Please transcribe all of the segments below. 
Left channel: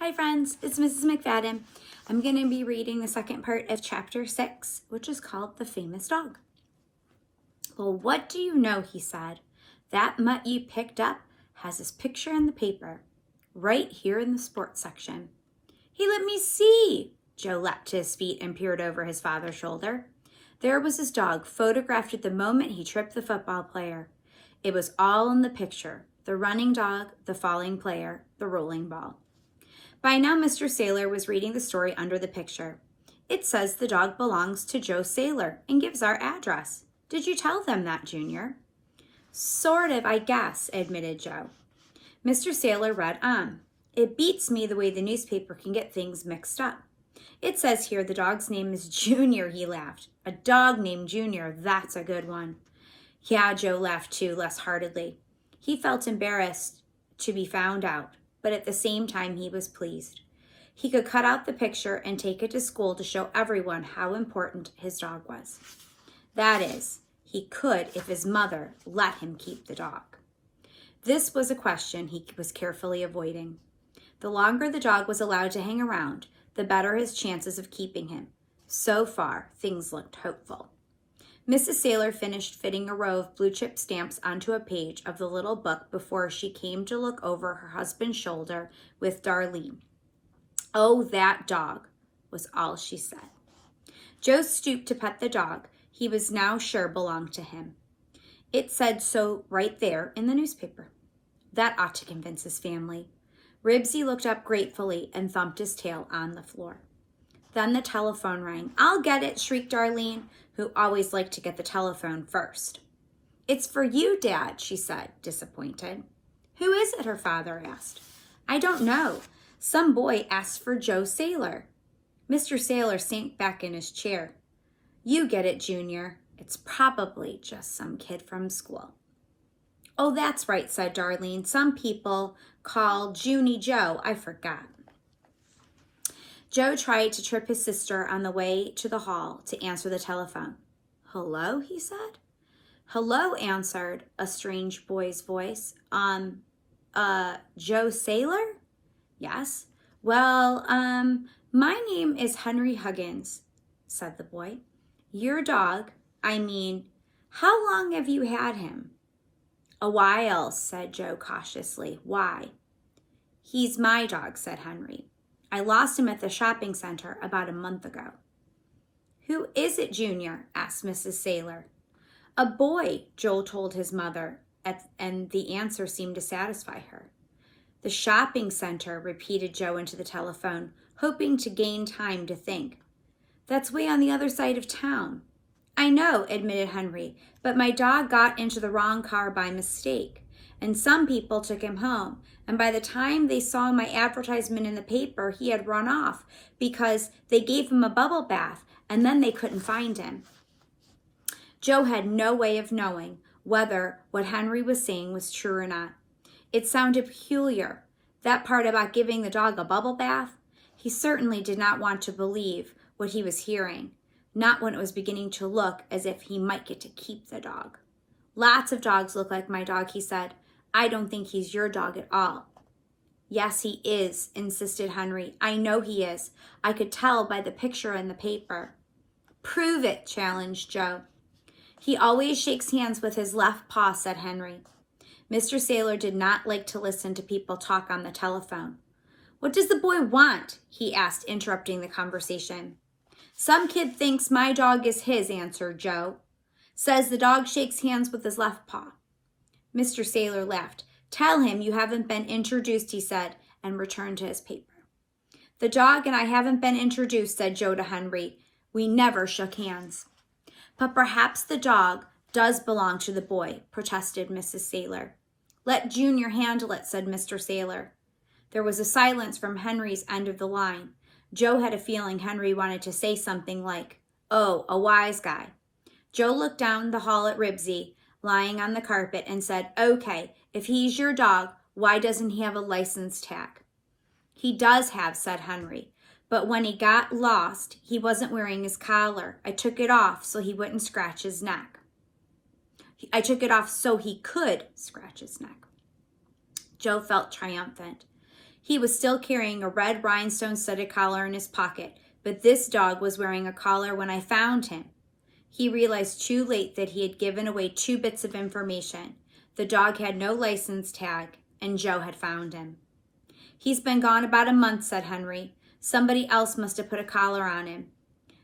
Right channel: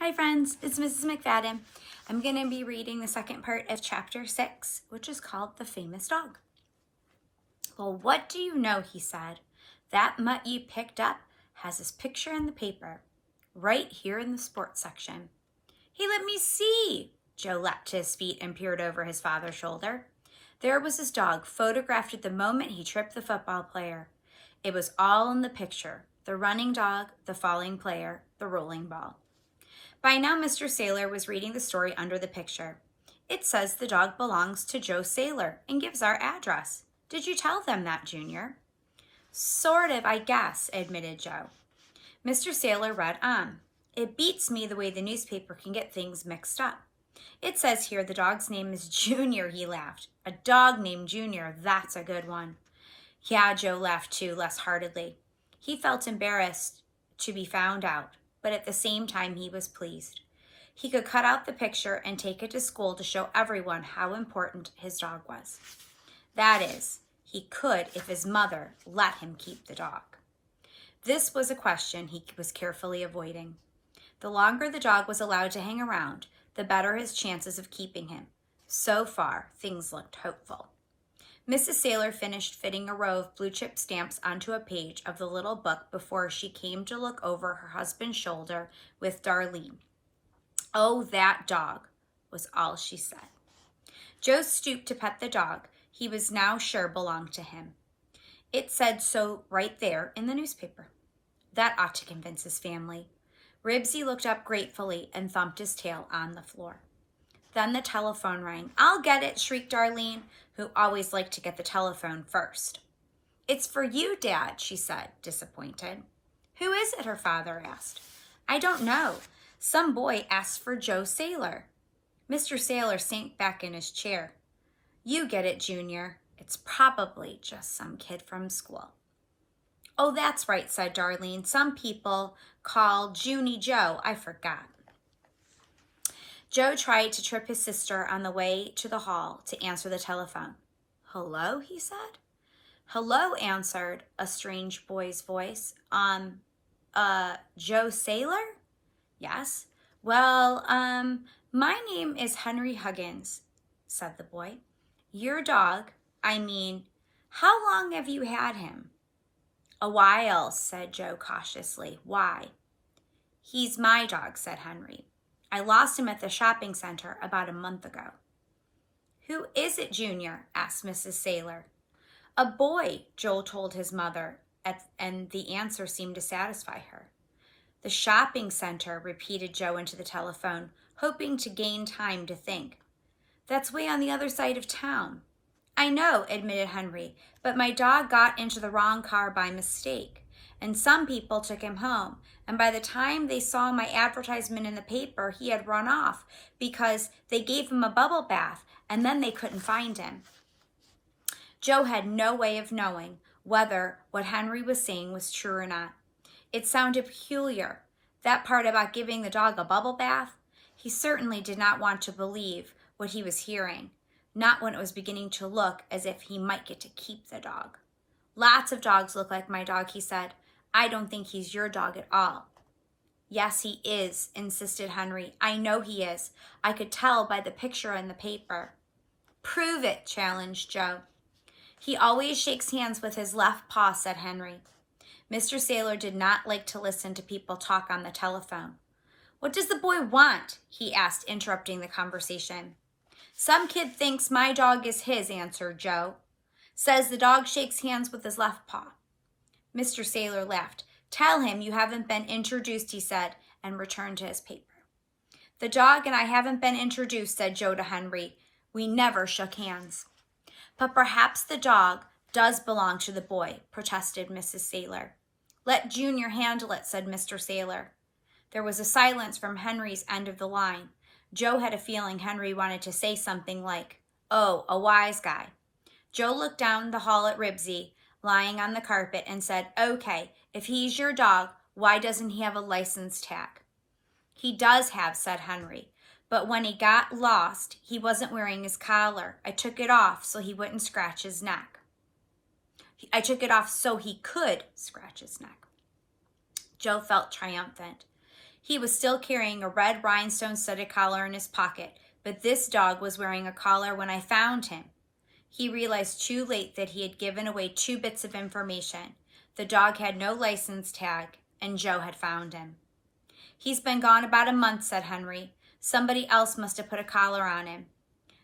Hi friends, it's Mrs. McFadden. I'm going to be reading the second part of chapter 6, which is called The Famous Dog. Well, what do you know, he said. That mutt you picked up has his picture in the paper, right here in the sports section. Hey, let me see. Joe leapt to his feet and peered over his father's shoulder. There was his dog, photographed at the moment he tripped the football player. It was all in the picture, the running dog, the falling player, the rolling ball. By now, Mr. Sailor was reading the story under the picture. It says the dog belongs to Joe Sailor and gives our address. Did you tell them that, Junior? Sort of, I guess, admitted Joe. Mr. Sailor read on. It beats me the way the newspaper can get things mixed up. It says here the dog's name is Junior, he laughed. A dog named Junior, that's a good one. Yeah, Joe laughed too, less heartedly. He felt embarrassed to be found out, but at the same time he was pleased. He could cut out the picture and take it to school to show everyone how important his dog was. That is, he could if his mother let him keep the dog. This was a question he was carefully avoiding. The longer the dog was allowed to hang around, the better his chances of keeping him. So far, things looked hopeful. Mrs. Sailor finished fitting a row of blue chip stamps onto a page of the little book before she came to look over her husband's shoulder with Darlene. Oh, that dog, was all she said. Joe stooped to pet the dog he was now sure belonged to him. It said so right there in the newspaper. That ought to convince his family. Ribsy looked up gratefully and thumped his tail on the floor. Then the telephone rang. I'll get it, shrieked Darlene, who always liked to get the telephone first. It's for you, Dad, she said, disappointed. Who is it, her father asked. I don't know. Some boy asked for Joe Sailor. Mr. Sailor sank back in his chair. You get it, Junior. It's probably just some kid from school. Oh, that's right, said Darlene. Some people call Junie Joe. I forgot. Joe tried to trip his sister on the way to the hall to answer the telephone. Hello, he said. Hello, answered a strange boy's voice. Joe Sailor? Yes. Well, my name is Henry Huggins, said the boy. Your dog, how long have you had him? A while, said Joe cautiously. Why? He's my dog, said Henry. I lost him at the shopping center about a month ago. Who is it, Junior? Asked Mrs. Sailor. A boy, Joel told his mother, and the answer seemed to satisfy her. The shopping center, repeated Joe into the telephone, hoping to gain time to think. That's way on the other side of town. I know, admitted Henry, but my dog got into the wrong car by mistake, and some people took him home. And by the time they saw my advertisement in the paper, he had run off because they gave him a bubble bath and then they couldn't find him. Joe had no way of knowing whether what Henry was saying was true or not. It sounded peculiar, that part about giving the dog a bubble bath. He certainly did not want to believe what he was hearing, not when it was beginning to look as if he might get to keep the dog. Lots of dogs look like my dog, he said. I don't think he's your dog at all. Yes, he is, insisted Henry. I know he is. I could tell by the picture in the paper. Prove it, challenged Joe. He always shakes hands with his left paw, said Henry. Mr. Sailor did not like to listen to people talk on the telephone. What does the boy want? He asked, interrupting the conversation. Some kid thinks my dog is his, answered Joe. Says the dog shakes hands with his left paw. Mr. Sailor laughed. Tell him you haven't been introduced, he said, and returned to his paper. The dog and I haven't been introduced, said Joe to Henry. We never shook hands. But perhaps the dog does belong to the boy, protested Mrs. Sailor. Let Junior handle it, said Mr. Sailor. There was a silence from Henry's end of the line. Joe had a feeling Henry wanted to say something like, oh, a wise guy. Joe looked down the hall at Ribsy, lying on the carpet, and said, okay, if he's your dog, why doesn't he have a license tag? He does have, said Henry, but when he got lost, he wasn't wearing his collar. I took it off so he wouldn't scratch his neck. I took it off so he could scratch his neck. Joe felt triumphant. He was still carrying a red rhinestone-studded collar in his pocket, but this dog was wearing a collar when I found him. He realized too late that he had given away 2 bits of information. The dog had no license tag, and Joe had found him. He's been gone about a month, said Henry. Somebody else must have put a collar on him.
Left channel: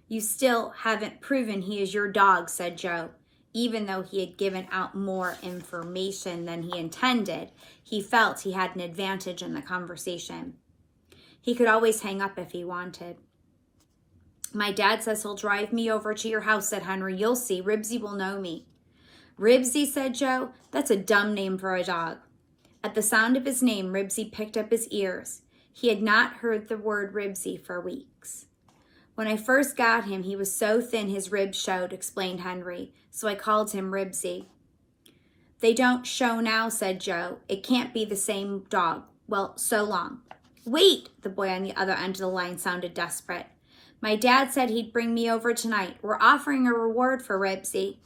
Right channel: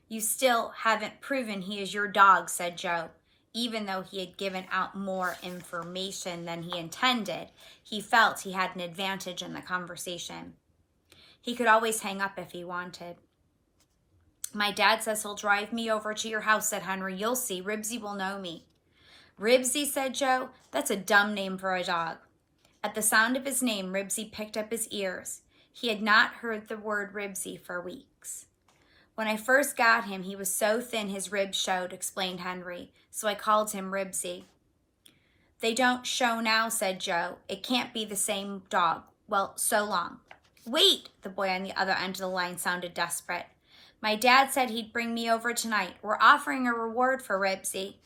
You still haven't proven he is your dog, said Joe. Even though he had given out more information than he intended, he felt he had an advantage in the conversation. He could always hang up if he wanted. My dad says he'll drive me over to your house, said Henry. You'll see, Ribsy will know me. Ribsy, said Joe. That's a dumb name for a dog. At the sound of his name, Ribsy picked up his ears. He had not heard the word Ribsy for weeks. When I first got him, he was so thin his ribs showed, explained Henry, so I called him Ribsy. They don't show now, said Joe. It can't be the same dog. Well, so long. Wait, the boy on the other end of the line sounded desperate. My dad said he'd bring me over tonight. We're offering a reward for Ribsy.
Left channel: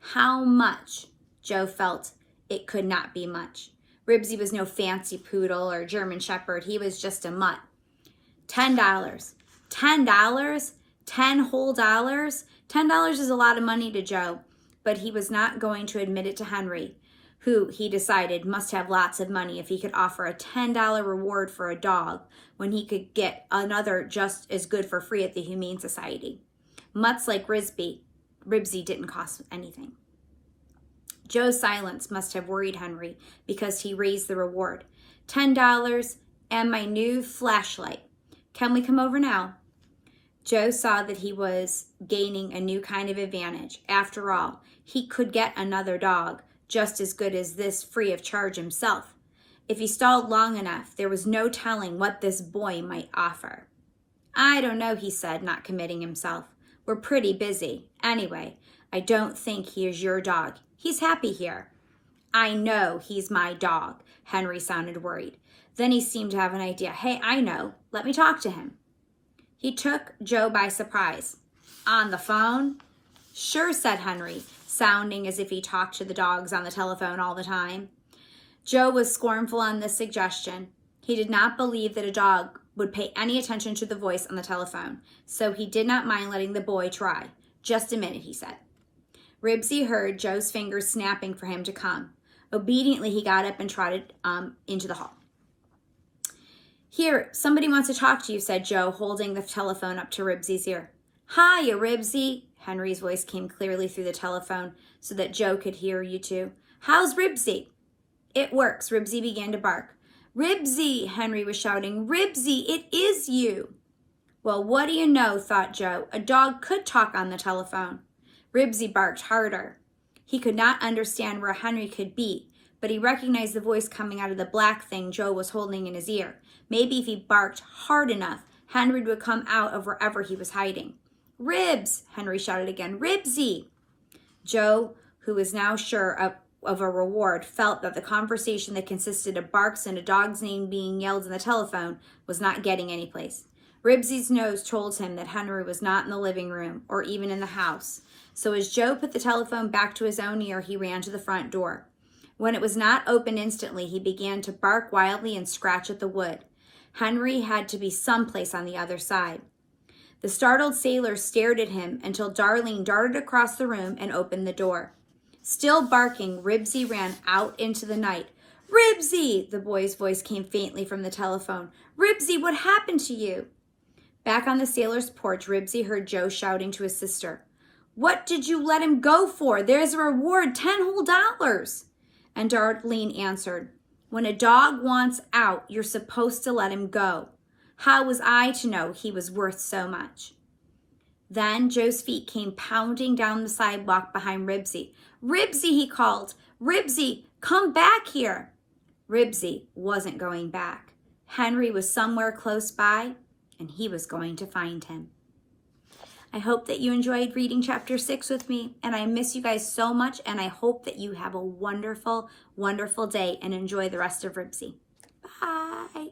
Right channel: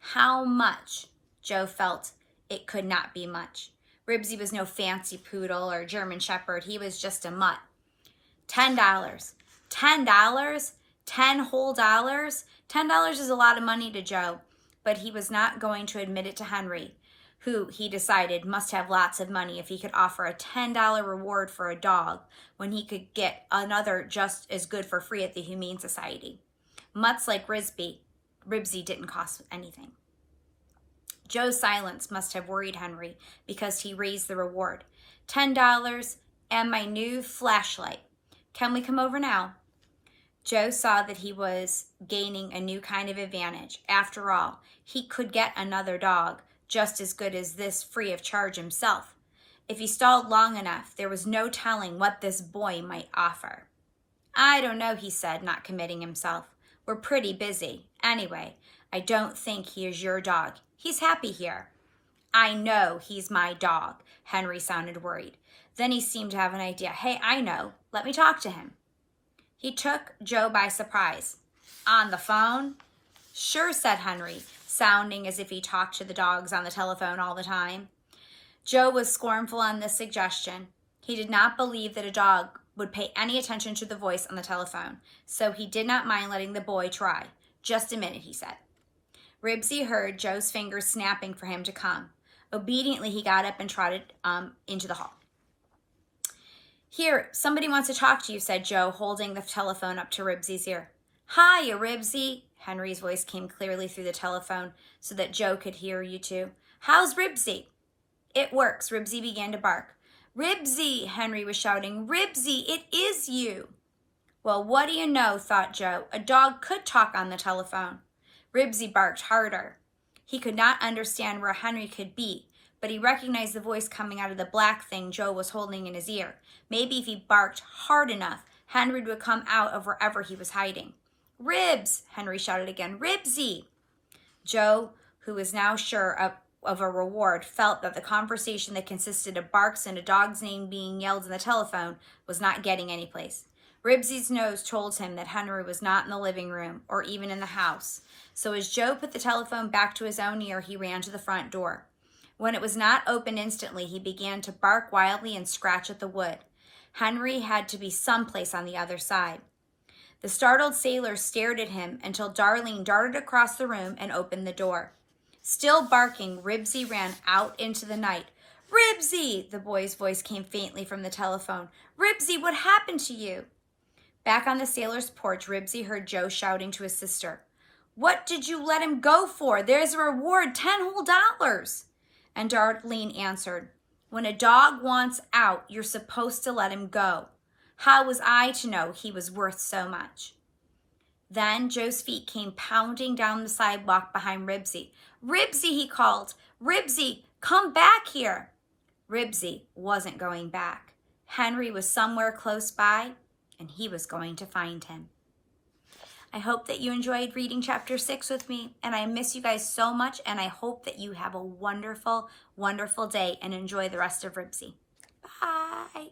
How much? Joe felt it could not be much. Ribsy was no fancy poodle or German shepherd. He was just a mutt. $10. $10? 10 whole dollars? $10 is a lot of money to Joe, but he was not going to admit it to Henry, who, he decided, must have lots of money if he could offer a $10 reward for a dog when he could get another just as good for free at the Humane Society. Mutts like Ribsy didn't cost anything. Joe's silence must have worried Henry because he raised the reward. $10 and my new flashlight. Can we come over now? Joe saw that he was gaining a new kind of advantage. After all, he could get another dog just as good as this free of charge himself. If he stalled long enough, there was no telling what this boy might offer. I don't know, he said, not committing himself. We're pretty busy. Anyway, I don't think he is your dog. He's happy here. I know he's my dog, Henry sounded worried. Then he seemed to have an idea. Hey, I know. Let me talk to him. He took Joe by surprise. On the phone? Sure, said Henry, sounding as if he talked to the dogs on the telephone all the time. Joe was scornful on this suggestion. He did not believe that a dog would pay any attention to the voice on the telephone, so he did not mind letting the boy try. Just a minute, he said. Ribsy heard Joe's fingers snapping for him to come. Obediently, he got up and trotted into the hall. Here, somebody wants to talk to you, said Joe, holding the telephone up to Ribsy's ear. Hiya, Ribsy. Henry's voice came clearly through the telephone so that Joe could hear you two. How's Ribsy? It works, Ribsy began to bark. Ribsy, Henry was shouting. Ribsy, it is you. Well, what do you know, thought Joe. A dog could talk on the telephone. Ribsy barked harder. He could not understand where Henry could be, but he recognized the voice coming out of the black thing Joe was holding in his ear. Maybe if he barked hard enough, Henry would come out of wherever he was hiding. Ribs, Henry shouted again. Ribsy. Joe, who was now sure of a reward, felt that the conversation that consisted of barks and a dog's name being yelled in the telephone was not getting anyplace. Ribsy's nose told him that Henry was not in the living room or even in the house. So as Joe put the telephone back to his own ear, he ran to the front door. When it was not open instantly, he began to bark wildly and scratch at the wood. Henry had to be someplace on the other side. The startled sailor stared at him until Darlene darted across the room and opened the door. Still barking, Ribsy ran out into the night. Ribsy! The boy's voice came faintly from the telephone. Ribsy, what happened to you? Back on the sailor's porch, Ribsy heard Joe shouting to his sister. What did you let him go for? There's a reward, $10 whole. And Darlene answered, when a dog wants out, you're supposed to let him go. How was I to know he was worth so much? Then Joe's feet came pounding down the sidewalk behind Ribsy. Ribsy, he called. Ribsy, come back here. Ribsy wasn't going back. Henry was somewhere close by, and he was going to find him. I hope that you enjoyed reading chapter 6 with me, and I miss you guys so much, and I hope that you have a wonderful, wonderful day and enjoy the rest of Ribsy. Bye.